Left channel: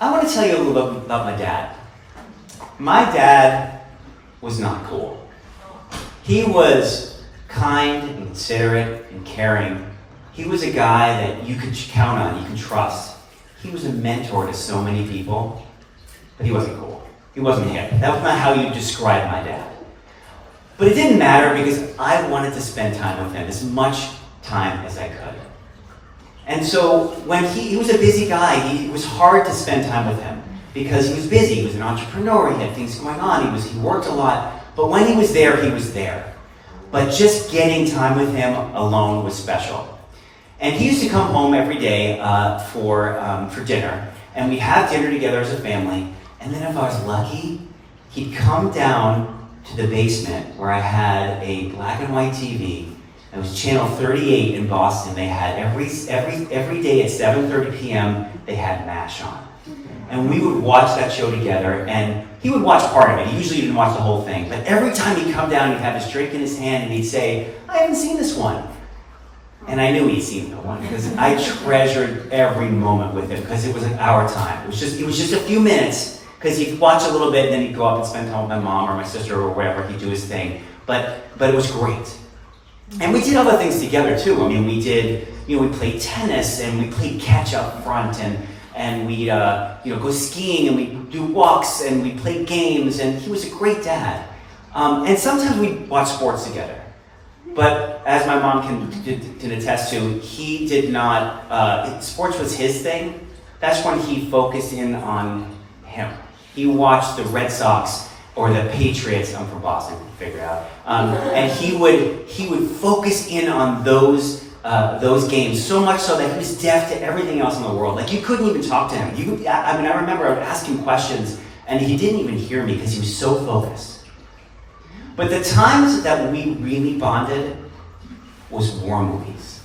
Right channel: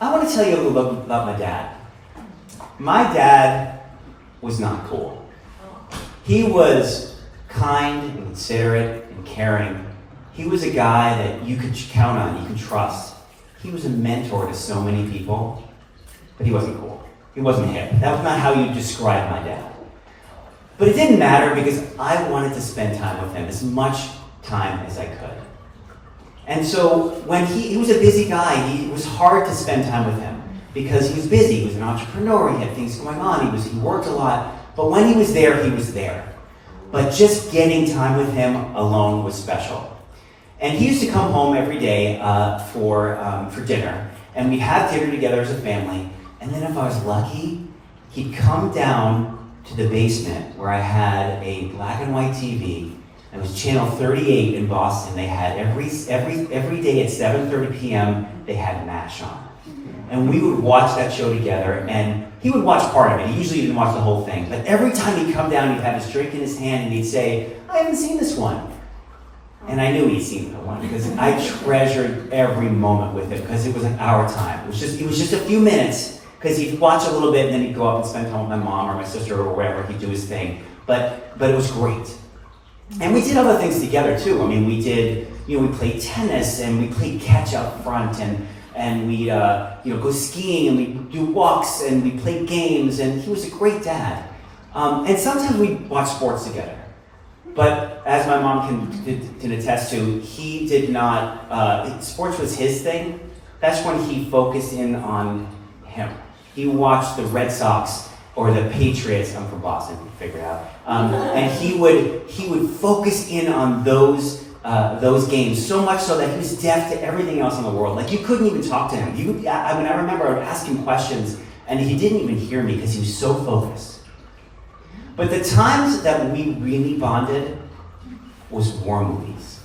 I want to tell you a little bit about my dad. My dad was not cool. He was kind and considerate and caring. He was a guy that you could count on, you could trust. He was a mentor to so many people, but he wasn't cool. He wasn't hip. That was not how you describe my dad. But it didn't matter because I wanted to spend time with him, as much time as I could. And so when he was a busy guy, it was hard to spend time with him because he was busy. He was an entrepreneur. He had things going on. He worked a lot. But when he was there, he was there. But just getting time with him alone was special. And he used to come home every day for dinner. And we'd have dinner together as a family. And then if I was lucky, he'd come down to the basement where I had a black and white TV. It was channel 38 in Boston. They had every day at 7:30 p.m. they had MASH on. And we would watch that show together, and he would watch part of it. He usually didn't watch the whole thing. But every time he'd come down, he'd have his drink in his hand, and he'd say, I haven't seen this one. And I knew he'd seen the one, because I treasured every moment with him, because it was like our time. It was just a few minutes, because he'd watch a little bit, and then he'd go up and spend time with my mom or my sister or wherever. He'd do his thing. But it was great. And we did other things together too. I mean, we played tennis and we played catch up front and we'd go skiing and we'd do walks and we played games, and he was a great dad. And sometimes we'd watch sports together. But as my mom can attest to, he did not, sports was his thing. That's when he focused in on him. He watched the Red Sox or the Patriots. I'm from Boston, figure it out. And he would focus in on those games so much so that he was deaf to everything else in the world. Like, you couldn't even talk to him. I remember I would ask him questions and he didn't even hear me because he was so focused. But the times that we really bonded was war movies.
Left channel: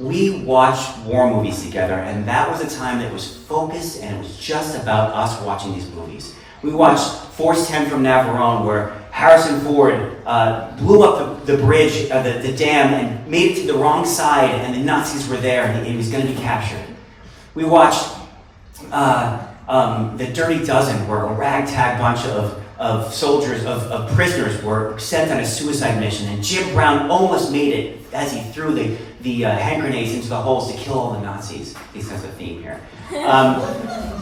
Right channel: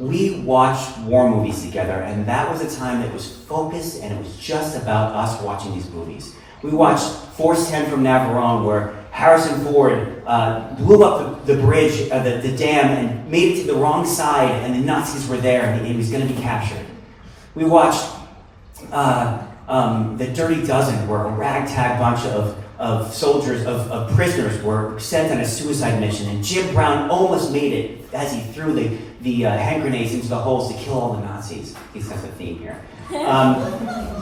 We watched war movies together, and that was a time that was focused and it was just about us watching these movies. We watched Force 10 from Navarone, where Harrison Ford blew up the bridge, the dam, and made it to the wrong side, and the Nazis were there, and he was going to be captured. We watched The Dirty Dozen, where a ragtag bunch of soldiers, of prisoners, were sent on a suicide mission, and Jim Brown almost made it as he threw the hand grenades into the holes to kill all the Nazis. At least that's a theme here.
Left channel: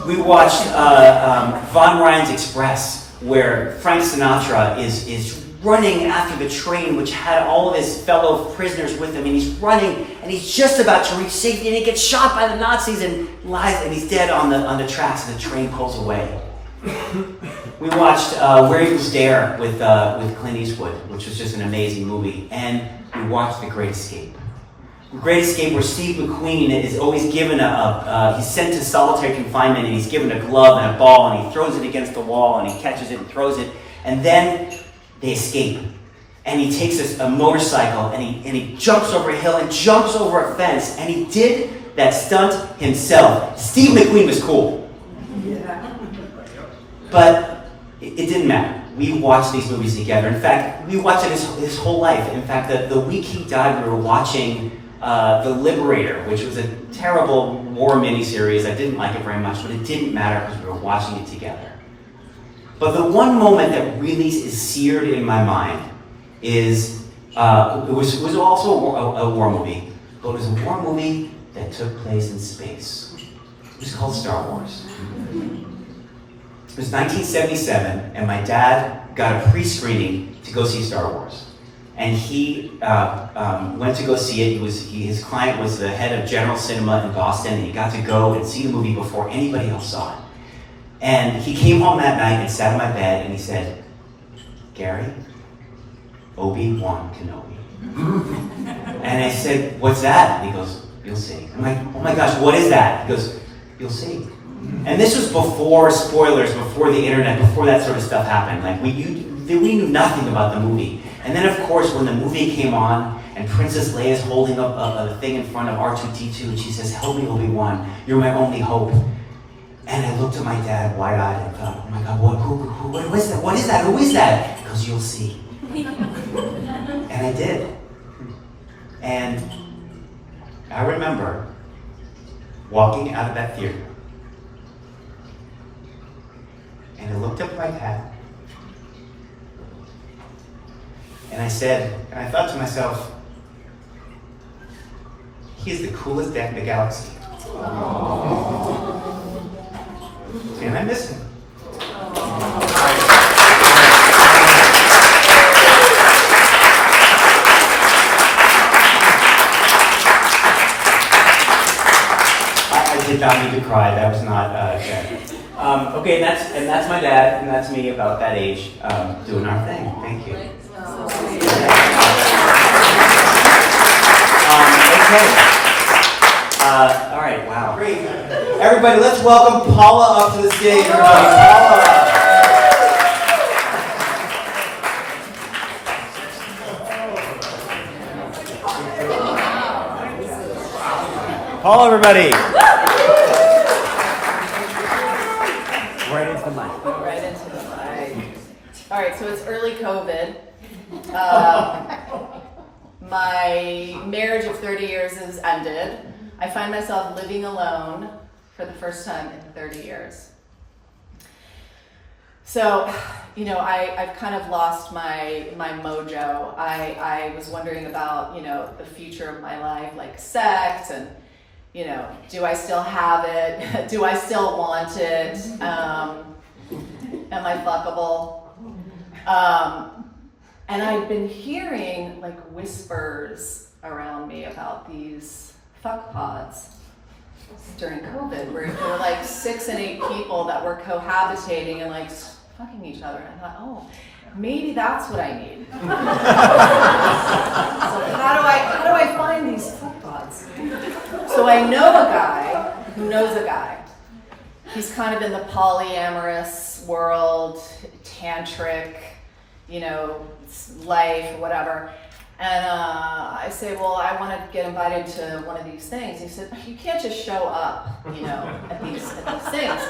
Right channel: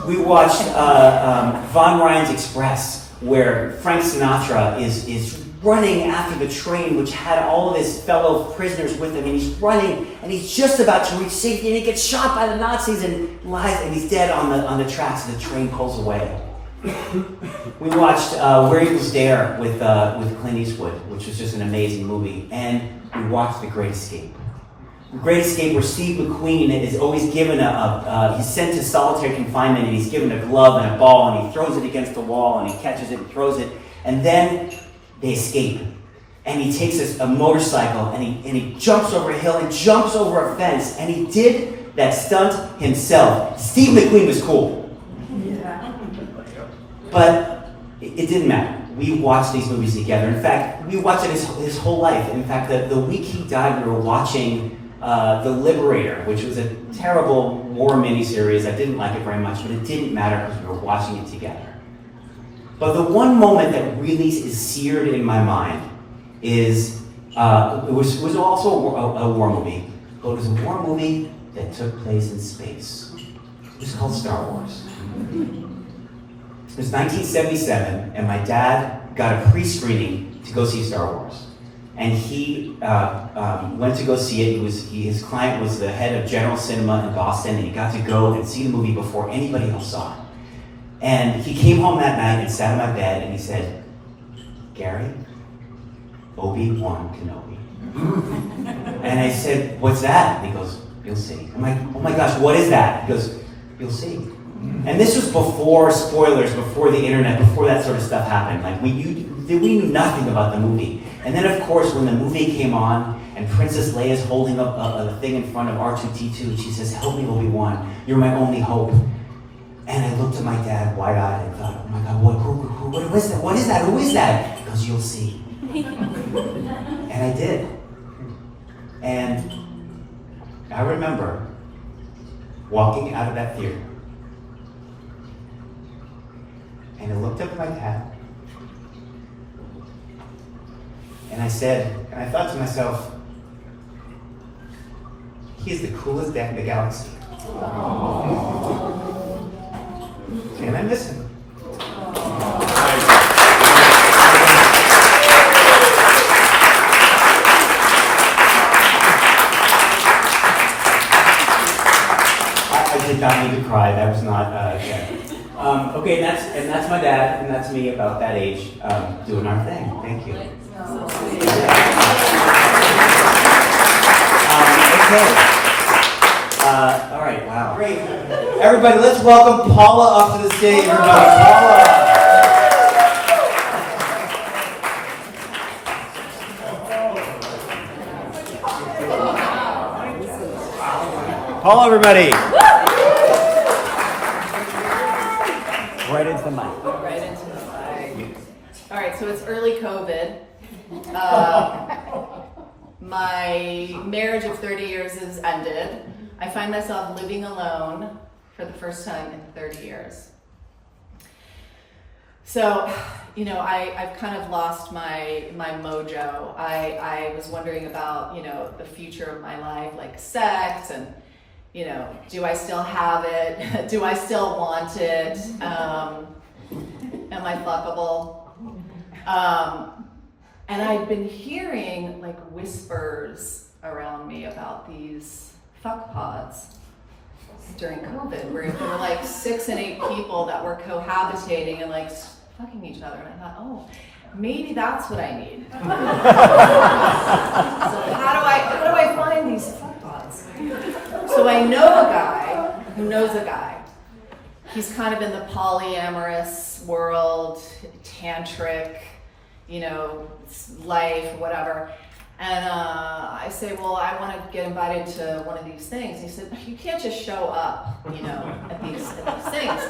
We watched Von Ryan's Express, where Frank Sinatra is running after the train, which had all of his fellow prisoners with him, and he's running, and he's just about to reach safety, and he gets shot by the Nazis and lies, and he's dead on the tracks, and the train pulls away. We watched Where Eagles Dare with Clint Eastwood, which was just an amazing movie, and we watched The Great Escape. The Great Escape, where Steve McQueen is always given he's sent to solitary confinement, and he's given a glove and a ball, and he throws it against the wall, and he catches it and throws it, and then they escape. And he takes a motorcycle, and he jumps over a hill and jumps over a fence, and he did that stunt himself. Steve McQueen was cool. But it didn't matter. We watched these movies together. In fact, we watched it his whole life. In fact, the week he died, we were watching The Liberator, which was a terrible war miniseries. I didn't like it very much, but it didn't matter because we were watching it together. But the one moment that really is seared in my mind is, it was also a war movie, but it was a war movie that took place in space. It was called Star Wars. It was 1977, and my dad got a pre-screening to go see Star Wars. And he went to go see it. His client was the head of General Cinema in Boston, and he got to go and see the movie before anybody else saw it. And he came home that night and sat on my bed, and he said, Gary, Obi-Wan Kenobi. And I said, what's that? And he goes, you'll see. I'm like, oh my gosh, what is that? He goes, you'll see. And this was before spoilers, before the internet, before that sort of stuff happened. Like, we knew nothing about the movie. And then, of course, when the movie came on, and Princess Leia's holding up a thing in front of R2-D2, and she says, help me, Obi-Wan, you're my only hope. And I looked at my dad wide-eyed and thought, oh my God, what is that? What is that? Who is that? He goes, you'll see. And I did. And I remember walking out of that theater looked up at my dad, and I thought to myself, he's the coolest dad in the galaxy. And I miss him. I did not need to cry. That was not fair. Okay, and that's my dad, and that's me about that age, doing our thing. Thank you. Okay. All right. Wow. Great. Everybody, let's welcome Paula up to the stage. Paula. Paula, everybody. Right into the mic. Right into the mic. All right, so it's early COVID. My marriage of 30 years has ended. I find myself living alone for the first time in 30 years. So, I've kind of lost my mojo. I was wondering about, the future of my life, like sex and, do I still have it? Do I still want it? Am I fuckable? And I've been hearing like whispers around me about these fuck pods during COVID, where there were like 6 and 8 people that were cohabitating and like fucking each other. And I thought, oh, maybe that's what I need. So how do I find these fuck pods? So I know a guy who knows a guy. He's kind of in the polyamorous world, tantric, life, whatever. And I say, well, I want to get invited to one of these things. He said, you can't just show up, at these things.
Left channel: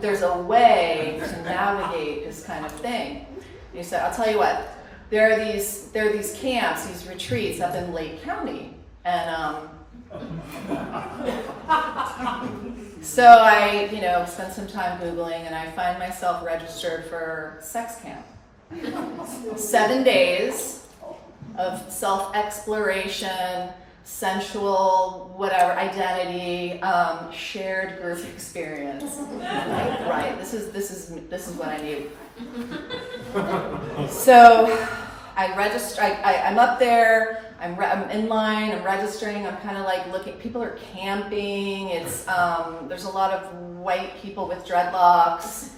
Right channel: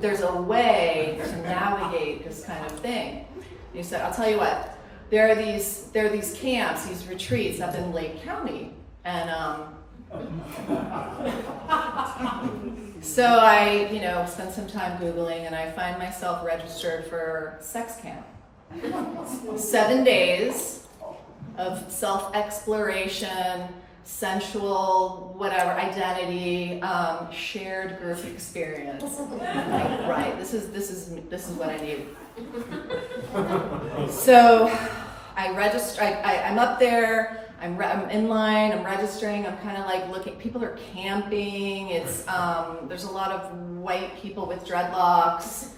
There's a way to navigate this kind of thing. And he said, I'll tell you what, there are these camps, these retreats up in Lake County. And so I, spend some time Googling, and I find myself registered for sex camp. 7 days of self-exploration, sensual, whatever, identity, shared group experience. Like, right, this is what I need. So I register. I'm up there. I'm in line. I'm registering. I'm kind of like looking. People are camping. It's there's a lot of white people with dreadlocks.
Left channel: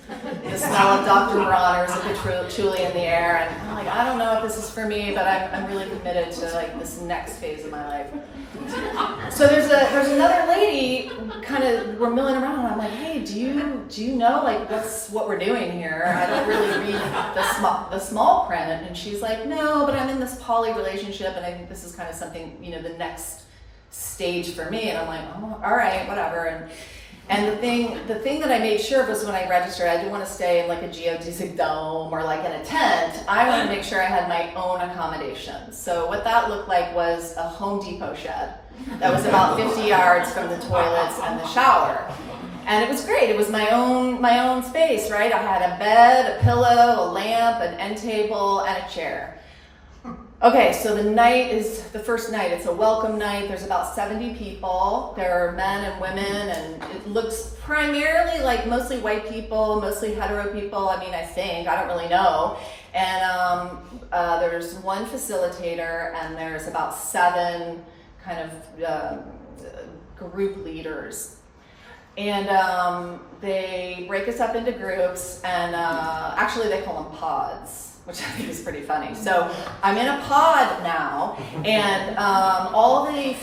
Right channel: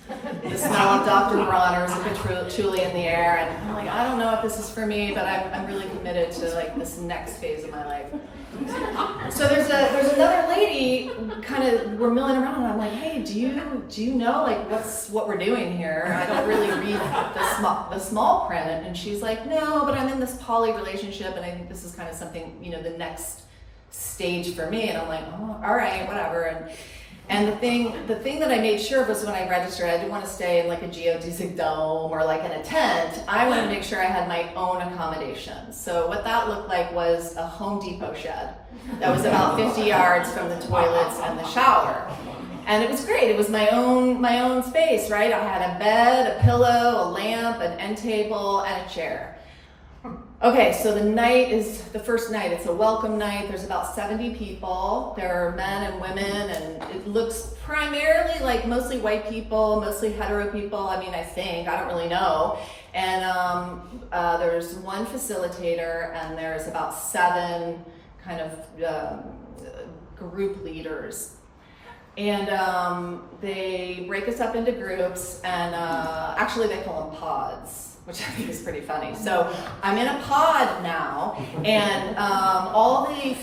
The smell of Dr. Bronner's and patchouli in the air, and I'm like, I don't know if this is for me, but I'm really committed to like this next phase of my life. So there's another lady, kind of, we're milling around, and I'm like, hey, do you know like what we're doing here? I don't really read the small print, and she's like, no, but I'm in this poly relationship, and I think this is kind of something, the next stage for me. And I'm like, oh, all right, whatever. And the thing that I made sure of was when I registered, I didn't want to stay in like a geodesic dome or like in a tent. I wanted to make sure I had my own accommodations. So what that looked like was a Home Depot shed that was about 50 yards from the toilets and the shower. And it was great. It was my own space, right? I had a bed, a pillow, a lamp, an end table, and a chair. Okay, so the first night. It's a welcome night. There's about 70 people. There are men and women, and it looks primarily like mostly white people, mostly hetero people. I mean, I think, I don't really know. And there's one facilitator, and there's about 7 kind of group leaders. And they break us up into groups, and actually they call them pods, which I think is pretty funny. So I'm in a pod now, and all the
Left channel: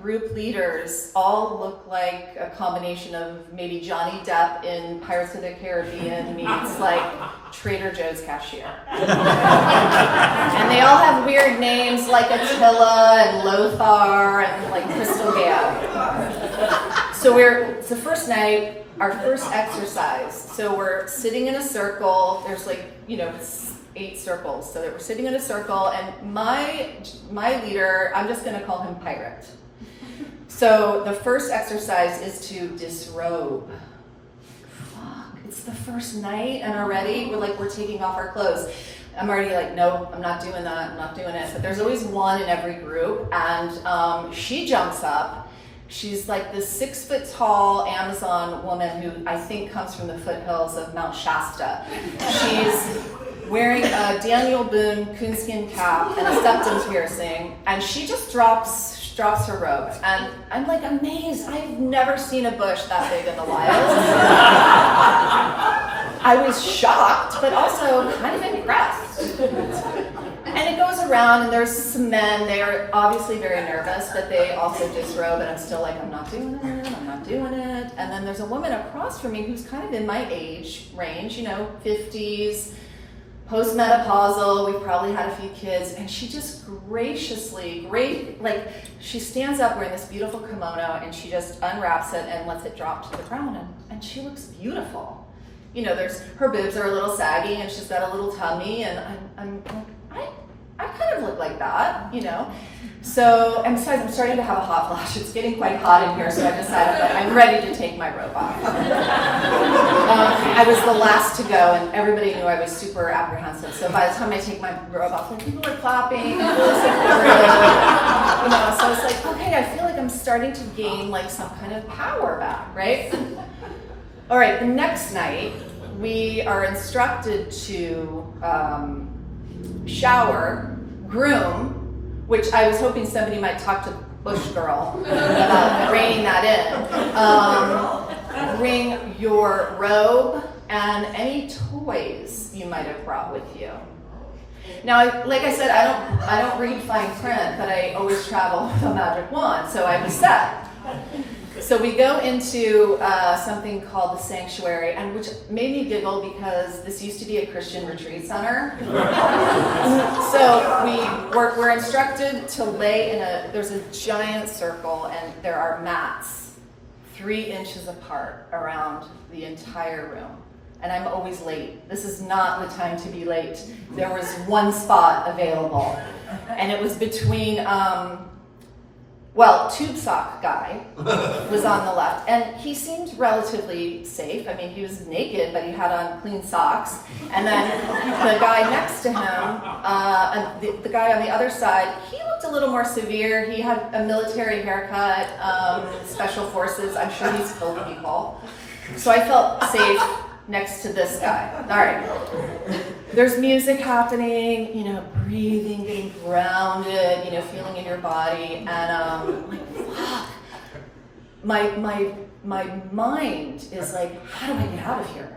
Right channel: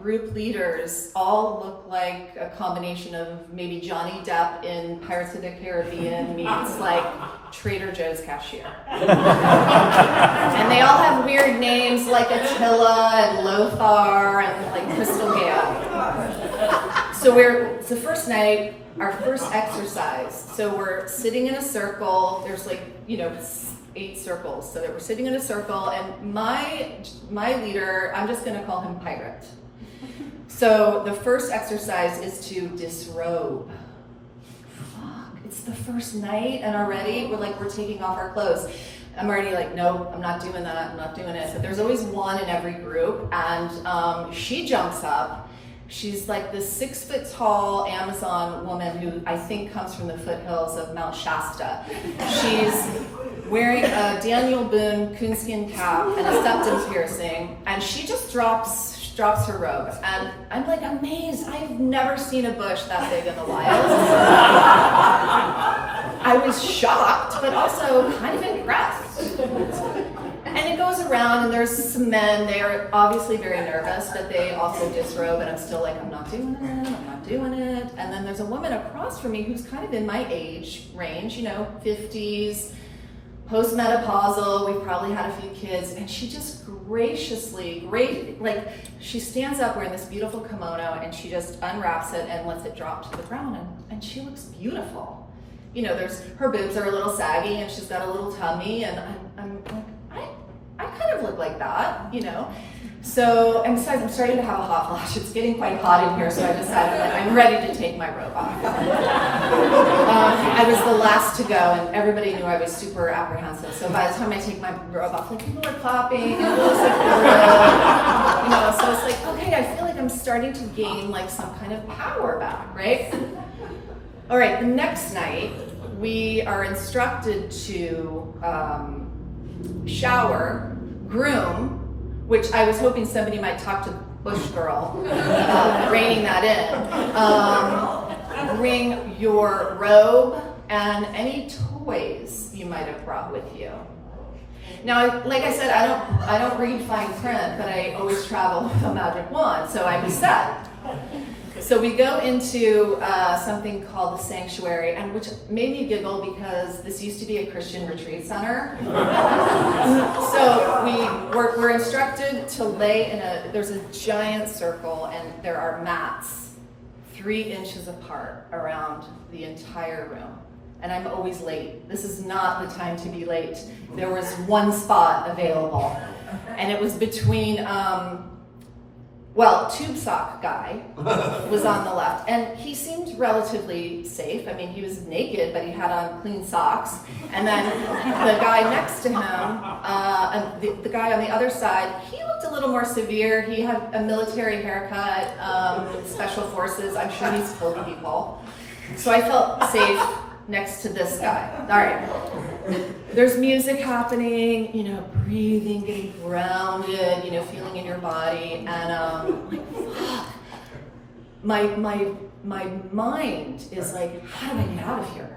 group leaders all look like a combination of maybe Johnny Depp in Pirates of the Caribbean meets like Trader Joe's cashier. And they all have weird names like Attila and Lothar and like Crystal Gale. So it's the first night, our first exercise. So we're sitting in a circle. There's like, 8 circles. So that we're sitting in a circle, and my leader, I'm just going to call him Pirate. So the first exercise is to disrobe. Fuck, it's the first night and already we're taking off our clothes. I'm already like, no, I'm not doing that, I'm not doing it. But there's always one in every group, and she jumps up. She's like this 6 foot tall Amazon woman who I think comes from the foothills of Mount Shasta. She's wearing a Daniel Boone coonskin cap and a septum piercing, and she just drops her robe, and I'm like amazed. I've never seen a bush that big in the wild. I was shocked, but also kind of impressed. And it goes around, and there's some men. They are obviously very nervous, but they also disrobe, and I'm still like, I'm not doing it, I'm not doing it. And then there's a woman across from me who's kind of in my age range, 50s, postmenopausal, we probably had a few kids, and she just she stands up wearing this beautiful kimono, and she just unwraps it and lets it drop to the ground, and she looks beautiful. Her boobs are a little saggy, and she's got a little tummy, and I kind of look like that, So, and besides, I'm starting to have a hot flash. It's getting quite hot in here, so I decided I'm ready to take my robe off. I was the last to go, and everybody knew I was super apprehensive. So by the time I take my robe off, people are clapping, and it was supportive, So it's like, okay, I feel like I'm starting to gain some kind of power back, right? All right, the next night, we are instructed to shower, groom, which I was hoping somebody might talk to Bush Girl about reining that in. Bring your robe and any toys you might have brought with you. Now, like I said, I don't read fine print, but I always travel with a magic wand, so I was set. So we go into something called the sanctuary, and which made me giggle because this used to be a Christian retreat center. So we're instructed to lay there's a giant circle, and there are mats 3 inches apart around the entire room. And I'm always late. This is not the time to be late. There was one spot available, and it was between tube sock guy was on the left, and he seemed relatively safe. I mean, he was naked, but he had on clean socks. And then the guy next to him, and the guy on the other side, he looked a little more severe. He had a military haircut, special forces. I'm sure he's killed people. So I felt safe next to this guy. All right. There's music happening, breathing, getting grounded, feeling in your body, and fuck. My mind is like, how do I get out of here?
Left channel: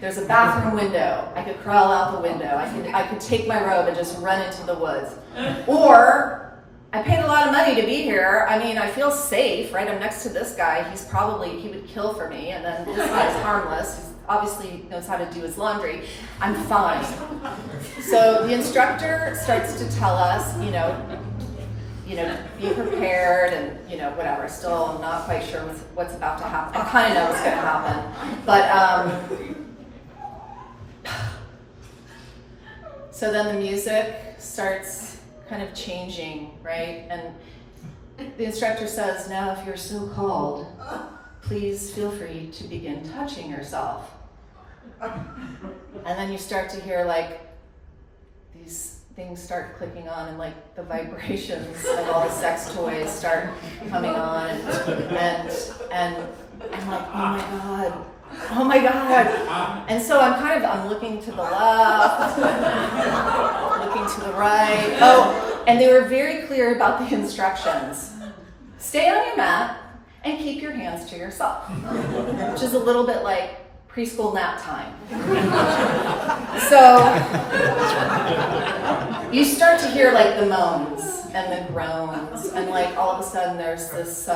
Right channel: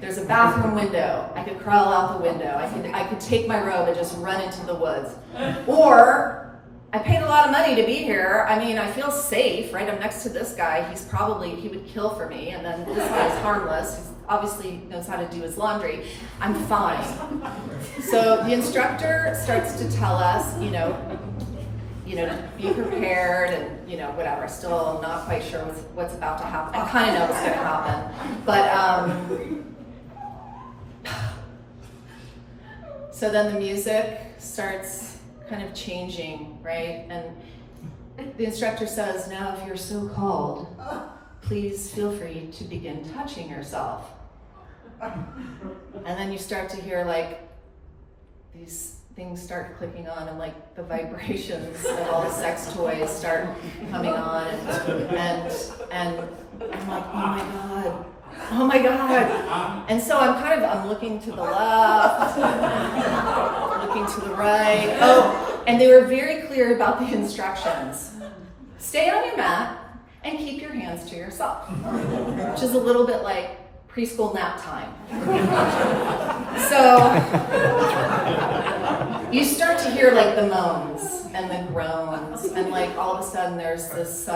There's a bathroom window. I could crawl out the window. I could take my robe and just run into the woods. Or I paid a lot of money to be here. I mean, I feel safe, right? I'm next to this guy. He would kill for me, and then this guy's harmless. He obviously knows how to do his laundry. I'm fine. So the instructor starts to tell us, be prepared and, whatever. Still, I'm not quite sure what's about to happen. I kind of know what's going to happen. But, so then the music starts kind of changing, right? And the instructor says, now if you're so called, please feel free to begin touching yourself. And then you start to hear these things start clicking on, and the vibrations of all the sex toys start coming on, and I'm like, oh my god. And so I'm looking to the left, looking to the right. Oh, and they were very clear about the instructions. Stay on your mat and keep your hands to yourself, which is a little bit like preschool nap time. So you start to hear the moans and the groans, and all of a sudden there's this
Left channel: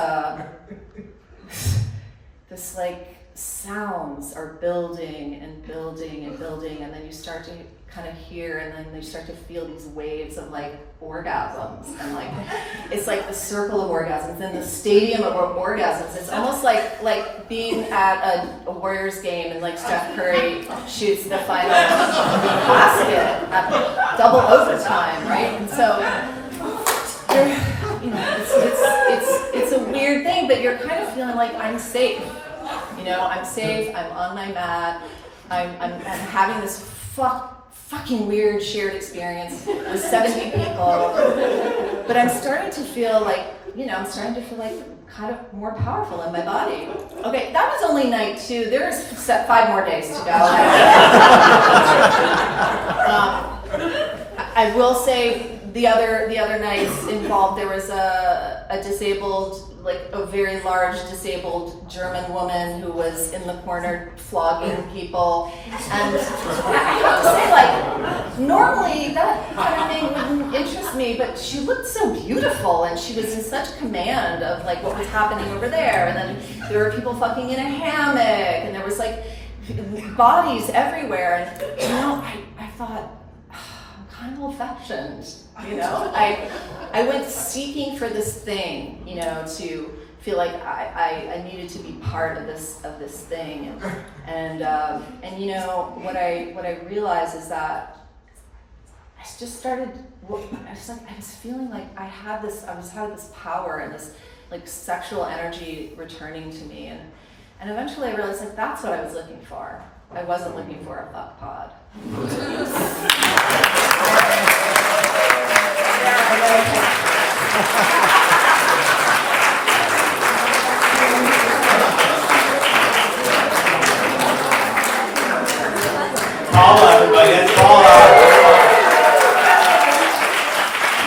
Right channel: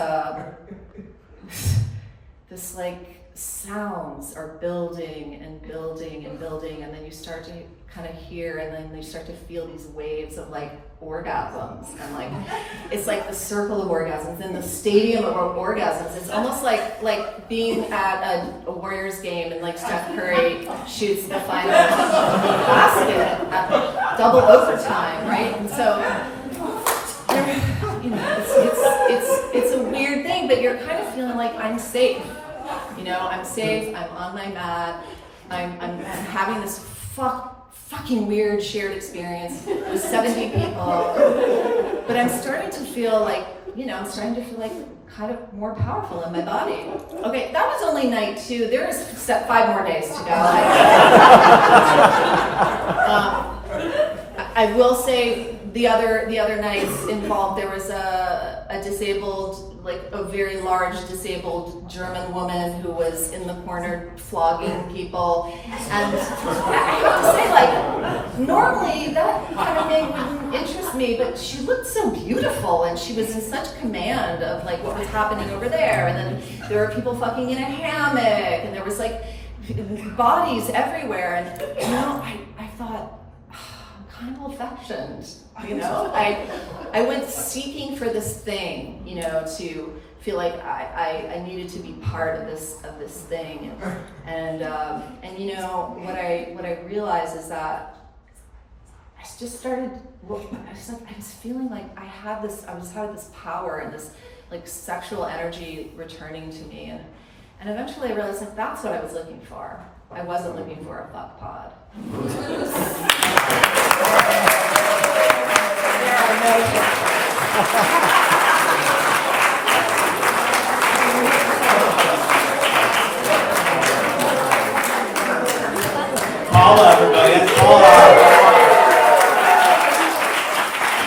sounds are building and building and building, and then you start to kind of hear, and then you start to feel these waves of orgasms, and it's the circle of orgasms and the stadium of orgasms. It's almost like being at a Warriors game, and Steph Curry shoots the final basket at double overtime, right? And so it's a weird thing, but you're kind of feeling like I'm safe. You know, I'm safe, I'm on my mat, I'm having this fucking weird shared experience with 70 people, but I'm starting to feel like, you know, kind of more powerful in my body. Okay, that was only night 2. There's 5 more days to go. I will say the other nights involved, there was a disabled, like a very large disabled German woman who was in the corner flogging people. And I have to say, like, normally that kind of thing wouldn't interest me, but she looked so beautiful and she was in such command of like what was happening over there. And then there were people fucking in a hammock and there was like bodies everywhere. And you know, I thought, I'm kind of old-fashioned, you know? I went seeking for this thing, you know, to feel like I needed to be part of this thing, and you know what I realized is that I just started. I was feeling like I had this power and this like sexual energy returning to me, and eventually I realized like that's what I was looking for. I wasn't looking for a fuck pod.